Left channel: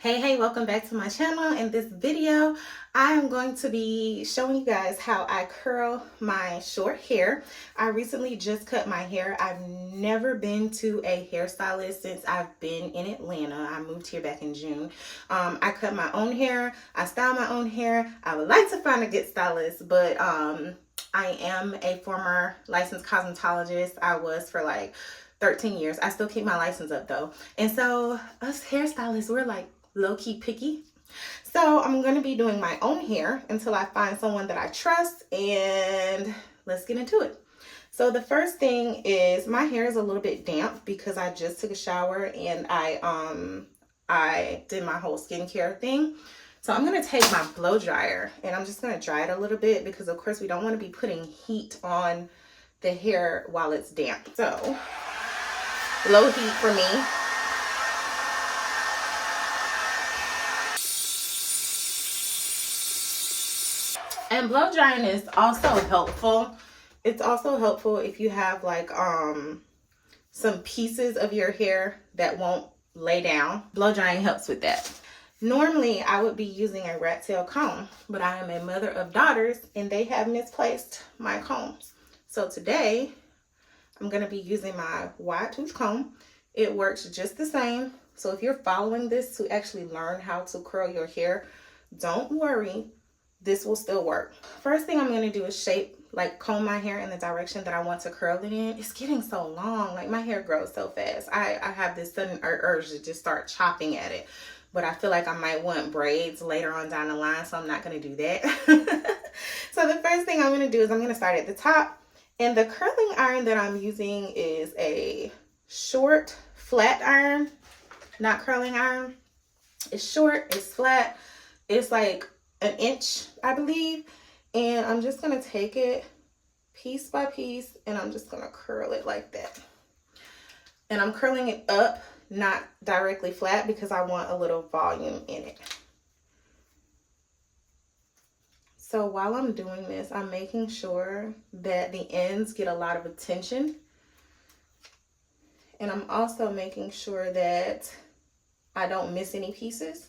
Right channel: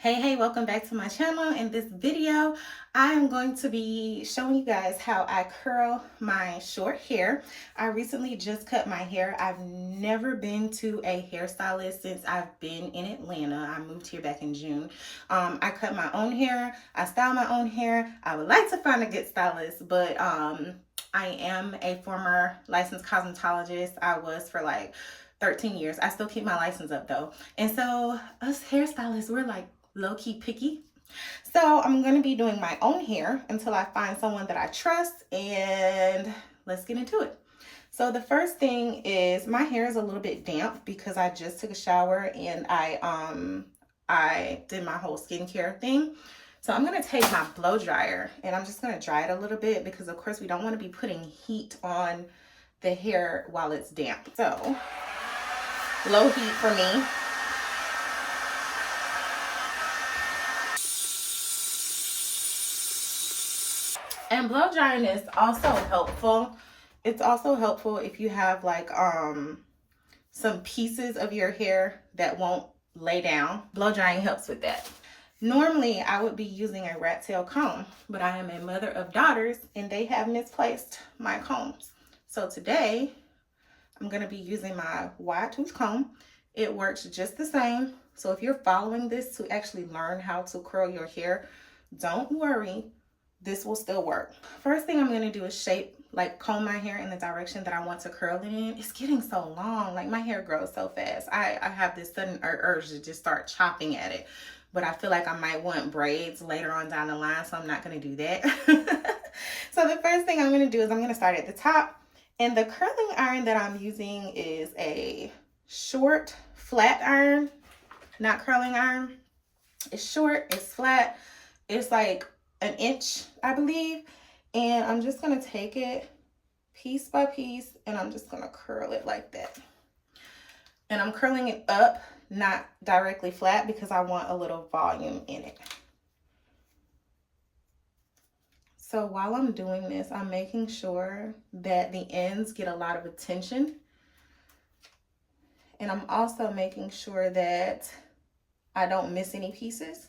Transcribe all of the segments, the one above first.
Hey, welcome back to my channel. In this video, I am going to be showing you guys how I curl my short hair. I recently just cut my hair. I've never been to a hairstylist since I've been in Atlanta. I moved here back in June. I cut my own hair. I style my own hair. I would like to find a good stylist, but I am a former licensed cosmetologist. I was for like 13 years. I still keep my license up though. And so us hairstylists, we're like low-key picky. So I'm going to be doing my own hair until I find someone that I trust, and let's get into it. So the first thing is my hair is a little bit damp because I just took a shower and I did my whole skincare thing. So I'm going to take my blow dryer and I'm just going to dry it a little bit because of course we don't want to be putting heat on the hair while it's damp. So low heat for me. And blow drying is also helpful. It's also helpful if you have like some pieces of your hair that won't lay down. Blow drying helps with that. Normally, I would be using a rat tail comb, but I am a mother of daughters and they have misplaced my combs. So today, I'm going to be using my wide tooth comb. It works just the same. So if you're following this to actually learn how to curl your hair, don't worry. This will still work. First thing I'm going to do is comb my hair in the direction that I want to curl it in. It's getting so long. Like my hair grows so fast. I have this sudden urge to just start chopping at it. But I feel like I might want braids later on down the line, so I'm not going to do that. So the first thing I'm going to do is I'm going to start at the top. And the curling iron that I'm using is a short, flat iron, not curling iron. It's short, it's flat, it's like an inch, I believe. And I'm just going to take it piece by piece and I'm just going to curl it like that. And I'm curling it up, not directly flat, because I want a little volume in it. So while I'm doing this, I'm making sure that the ends get a lot of attention. And I'm also making sure that I don't miss any pieces.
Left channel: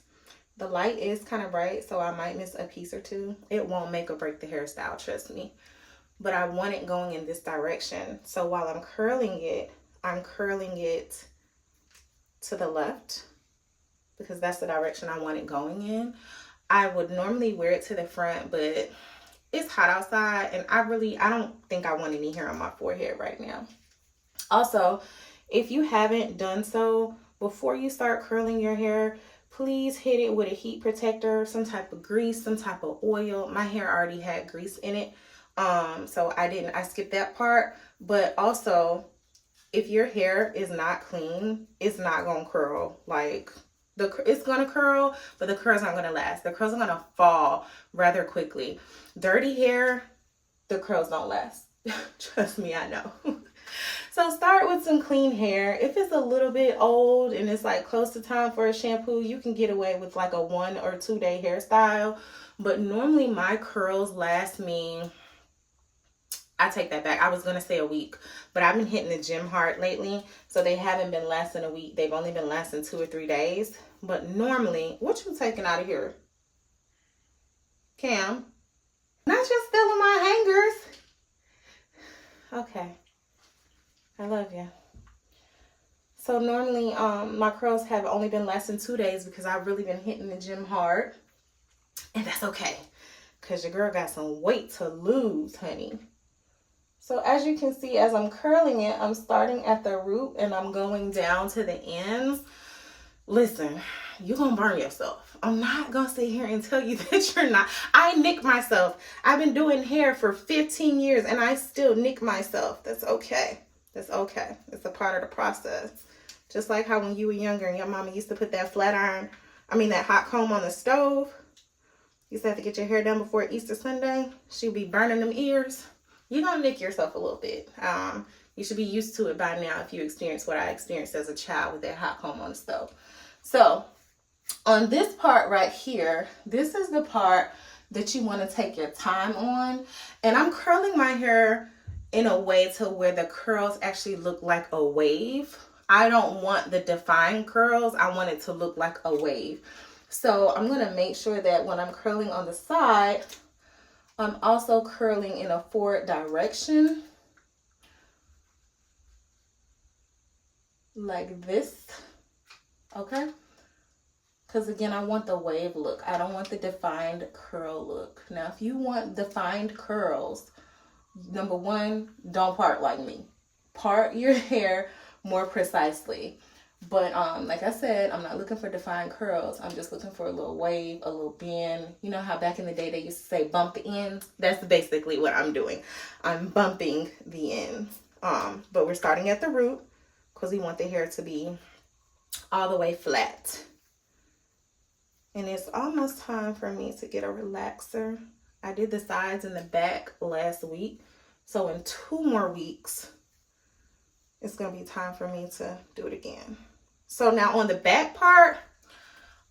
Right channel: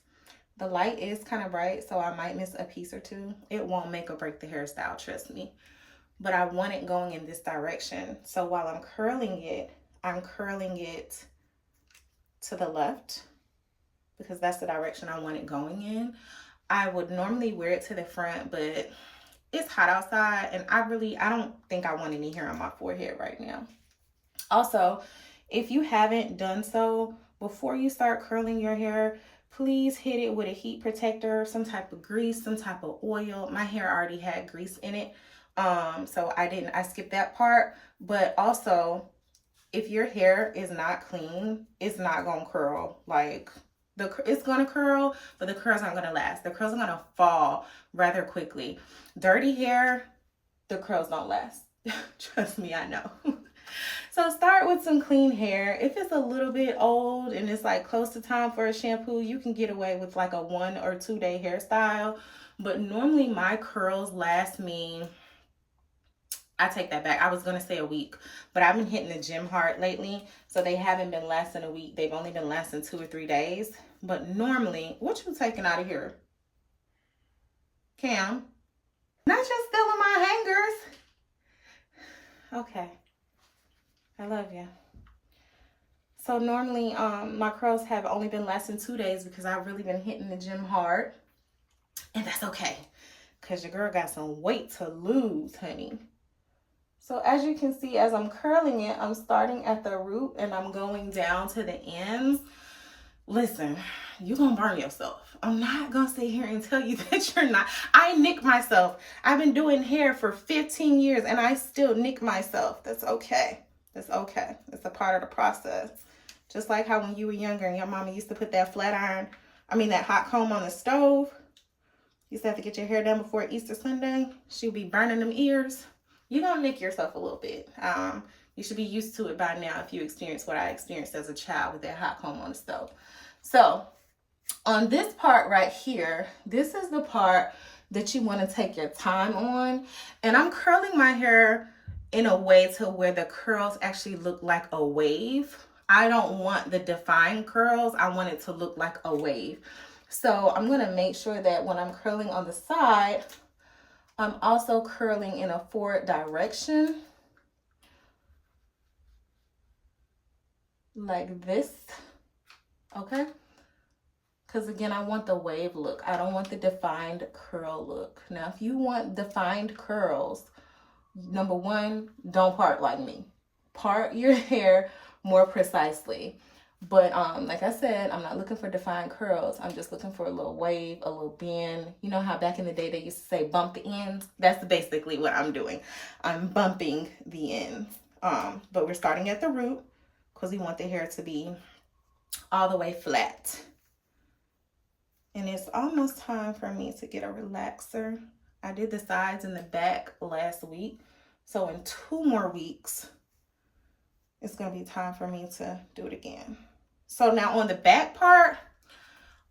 The light is kind of bright, so I might miss a piece or two. It won't make or break the hairstyle, trust me. But I want it going in this direction. So while I'm curling it to the left because that's the direction I want it going in. I would normally wear it to the front, but it's hot outside and I don't think I want any hair on my forehead right now. Also, if you haven't done so, before you start curling your hair, please hit it with a heat protector, some type of grease, some type of oil. My hair already had grease in it, so I skipped that part. But also, if your hair is not clean, it's not gonna curl. Like it's gonna curl, but the curls aren't gonna last. The curls are gonna fall rather quickly. Dirty hair, the curls don't last. Trust me, I know. So start with some clean hair. If it's a little bit old and it's like close to time for a shampoo, you can get away with like a 1 or 2 day hairstyle. But normally my curls last me, I take that back. I was going to say a week, but I've been hitting the gym hard lately. So they haven't been lasting a week. They've only been lasting 2 or 3 days. But normally, what you taking out of here? Cam? Not just stealing my hangers. Okay. I love you. So normally my curls have only been lasting 2 days because I've really been hitting the gym hard. And that's okay. Because your girl got some weight to lose, honey. So as you can see, as I'm curling it, I'm starting at the root and I'm going down to the ends. Listen, you're going to burn yourself. I'm not going to sit here and tell you that you're not. I nick myself. I've been doing hair for 15 years and I still nick myself. That's okay. It's okay. It's a part of the process. Just like how when you were younger and your mama used to put that that hot comb on the stove. You used to have to get your hair done before Easter Sunday. She'd be burning them ears. You're going to nick yourself a little bit. You should be used to it by now if you experience what I experienced as a child with that hot comb on the stove. So on this part right here, this is the part that you want to take your time on. And I'm curling my hair in a way to where the curls actually look like a wave. I don't want the defined curls. I want it to look like a wave. So I'm going to make sure that when I'm curling on the side, I'm also curling in a forward direction. Like this. Okay? Because again, I want the wave look. I don't want the defined curl look. Now, if you want defined curls, number one, don't part like me. Part your hair more precisely. But like I said, I'm not looking for defined curls. I'm just looking for a little wave, a little bend. You know how back in the day they used to say bump the ends? That's basically what I'm doing. I'm bumping the ends. But we're starting at the root because we want the hair to be all the way flat. And it's almost time for me to get a relaxer. I did the sides and the back last week. So in 2 more weeks, it's going to be time for me to do it again. So now on the back part,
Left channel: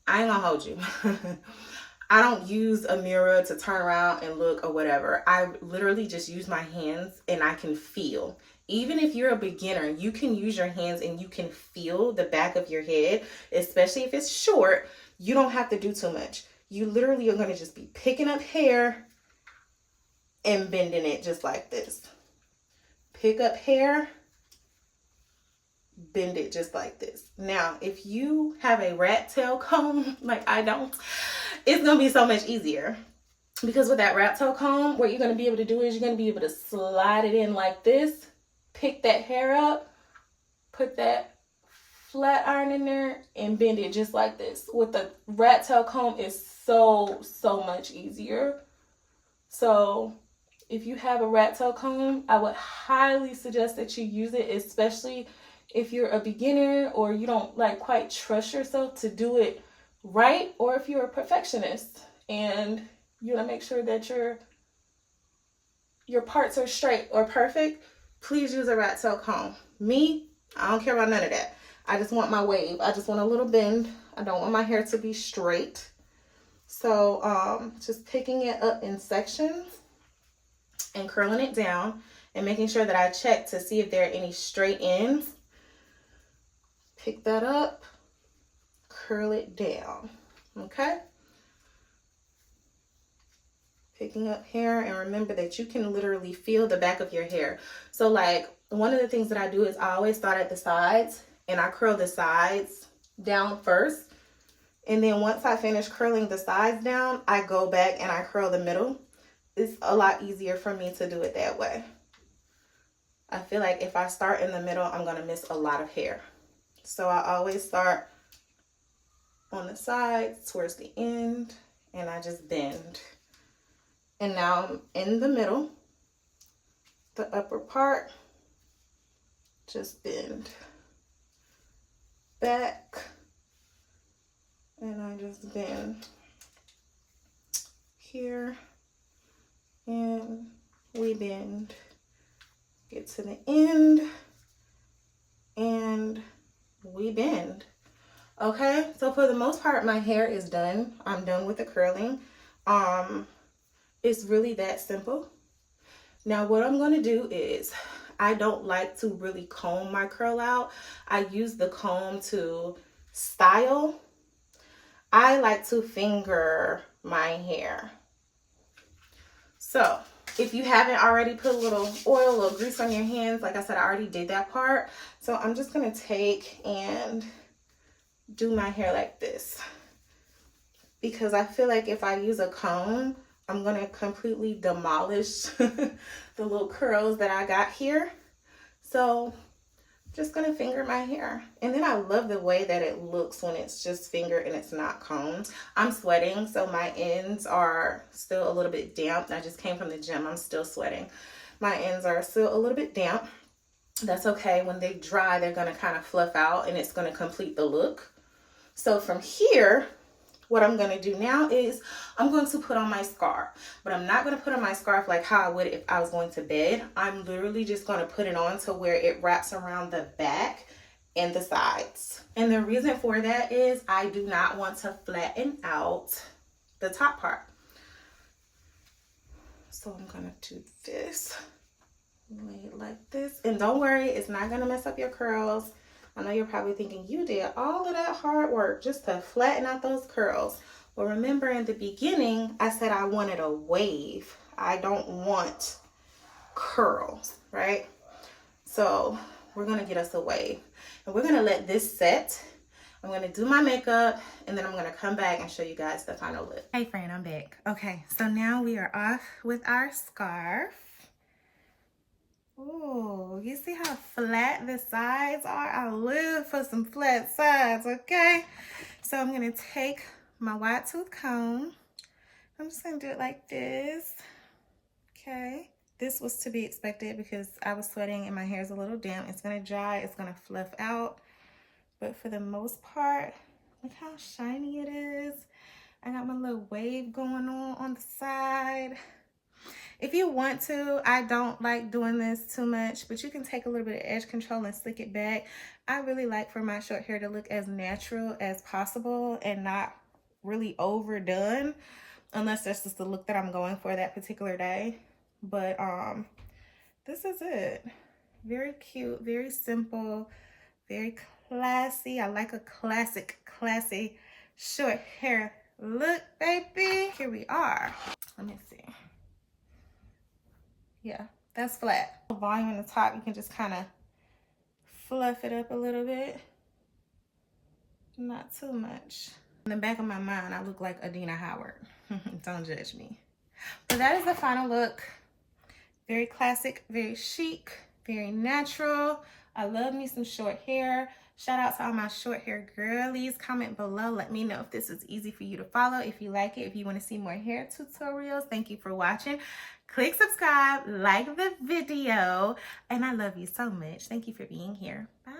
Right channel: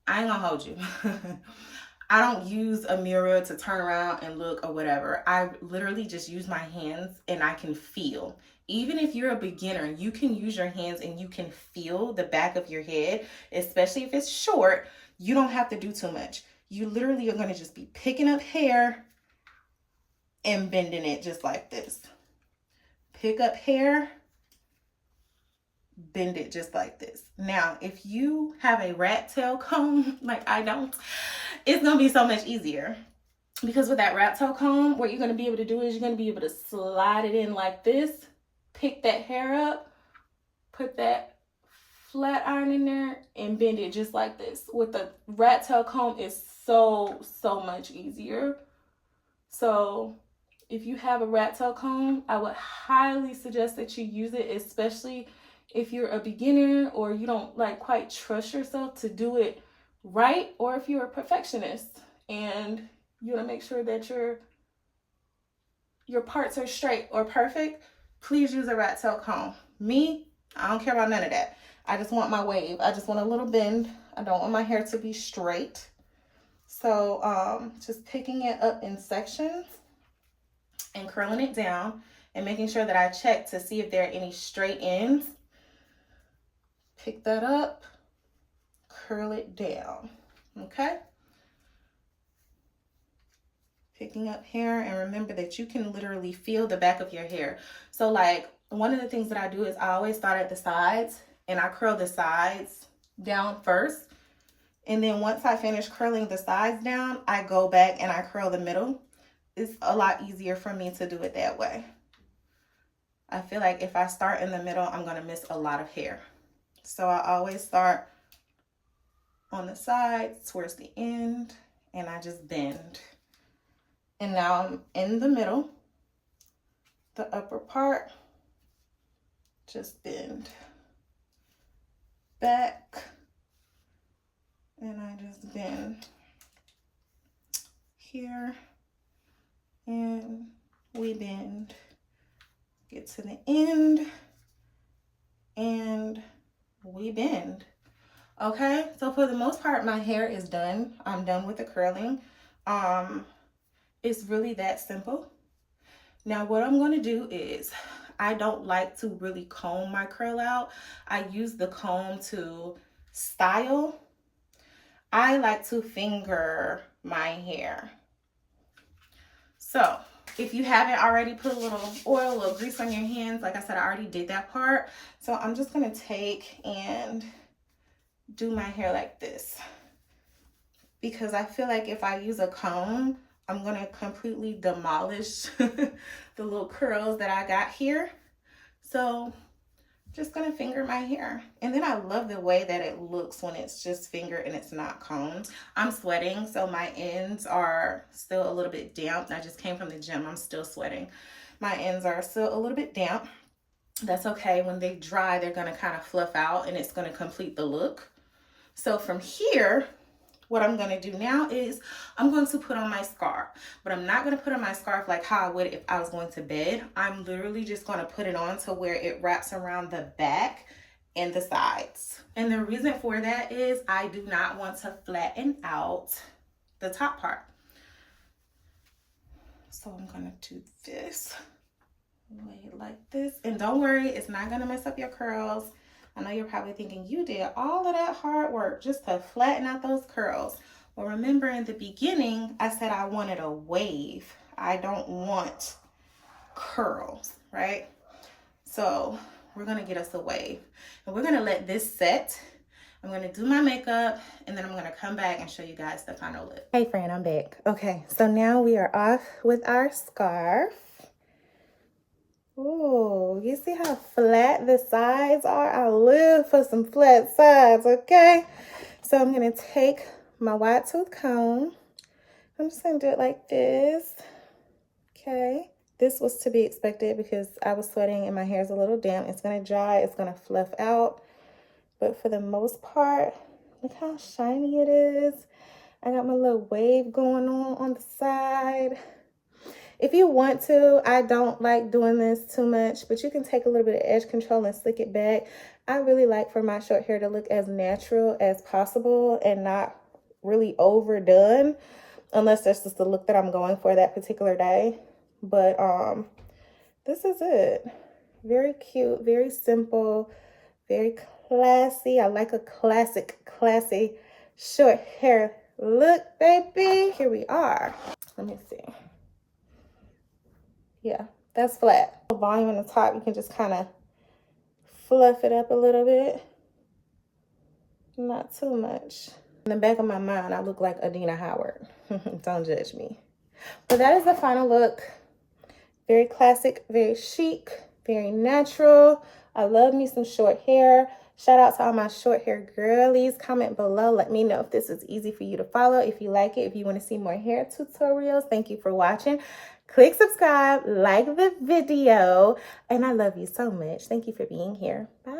I ain't gonna hold you. I don't use a mirror to turn around and look or whatever. I literally just use my hands and I can feel. Even if you're a beginner, you can use your hands and you can feel the back of your head, especially if it's short. You don't have to do too much. You literally are going to just be picking up hair and bending it just like this. Pick up hair, bend it just like this. Now, if you have a rat tail comb, like I don't, it's going to be so much easier. Because with that rat tail comb, what you're going to be able to do is you're going to be able to slide it in like this, pick that hair up, put that flat iron in there, and bend it just like this. With the rat tail comb, it's so much easier. So if you have a rat tail comb, I would highly suggest that you use it, especially if you're a beginner or you don't like quite trust yourself to do it right, or if you're a perfectionist and you want to make sure that your parts are straight or perfect, please use a rat tail comb. Me, I don't care about none of that. I just want my wave. I just want a little bend. I don't want my hair to be straight. So just picking it up in sections and curling it down and making sure that I check to see if there are any straight ends. Pick that up, curl it down, okay? Picking up hair, and remember that you can literally feel the back of your hair. So like one of the things that I do is I always start at the sides and I curl the sides down first. And then once I finish curling the sides down, I go back and I curl the middle. It's a lot easier for me to do it that way. I feel like if I start in the middle, I'm going to miss a lot of hair. So I always start on the sides towards the end and I just bend. And now I'm in the middle, the upper part, just bend back, and I just bend here, and we bend, get to the end, and we bend. Okay, so for the most part, my hair is done. I'm done with the curling. It's really that simple. Now what I'm going to do is, I don't like to really comb my curl out. I use the comb to style. I like to finger my hair. So if you haven't already put a little oil or grease on your hands, like I said, I already did that part. So I'm just going to take and do my hair like this. Because I feel like if I use a comb, I'm going to completely demolish the little curls that I got here. So just going to finger my hair. And then I love the way that it looks when it's just fingered and it's not combed. I'm sweating, so my ends are still a little bit damp. I just came from the gym. I'm still sweating. My ends are still a little bit damp. That's okay. When they dry, they're going to kind of fluff out and it's going to complete the look. So from here, what I'm going to do now is I'm going to put on my scarf, but I'm not going to put on my scarf like how I would if I was going to bed. I'm literally just going to put it on to where it wraps around the back and the sides. And the reason for that is I do not want to flatten out the top part. So I'm going to do this, lay it like this. And don't worry, it's not going to mess up your curls. I know you're probably thinking, you did all of that hard work just to flatten out those curls. Well, remember in the beginning, I said I wanted a wave. I don't want curls, right? So we're gonna get us a wave. And we're gonna let this set. I'm gonna do my makeup and then I'm gonna come back and show you guys the final look. Hey friend, I'm back. Okay, so now we are off with our scarf. Oh, you see how flat the sides are? I live for some flat sides, okay? So I'm gonna take my wide tooth comb. I'm just gonna do it like this, okay? This was to be expected because I was sweating and my hair is a little damp. It's gonna dry, it's gonna fluff out. But for the most part, look how shiny it is. I got my little wave going on the side. If you want to, I don't like doing this too much, but you can take a little bit of edge control and slick it back. I really like for my short hair to look as natural as possible and not really overdone, unless that's just the look that I'm going for that particular day. But this is it. Very cute, very simple, very classy. I like a classy short hair look, baby. Here we are. Let me see. Yeah, that's flat. Volume on the top, you can just kind of fluff it up a little bit. Not too much. In the back of my mind, I look like Adina Howard. Don't judge me. But that is the final look. Very classic, very chic, very natural. I love me some short hair. Shout out to all my short hair girlies. Comment below. Let me know if this is easy for you to follow. If you like it, if you want to see more hair tutorials. Thank you for watching. Click subscribe, like the video, and I love you so much. Thank you for being here. Bye.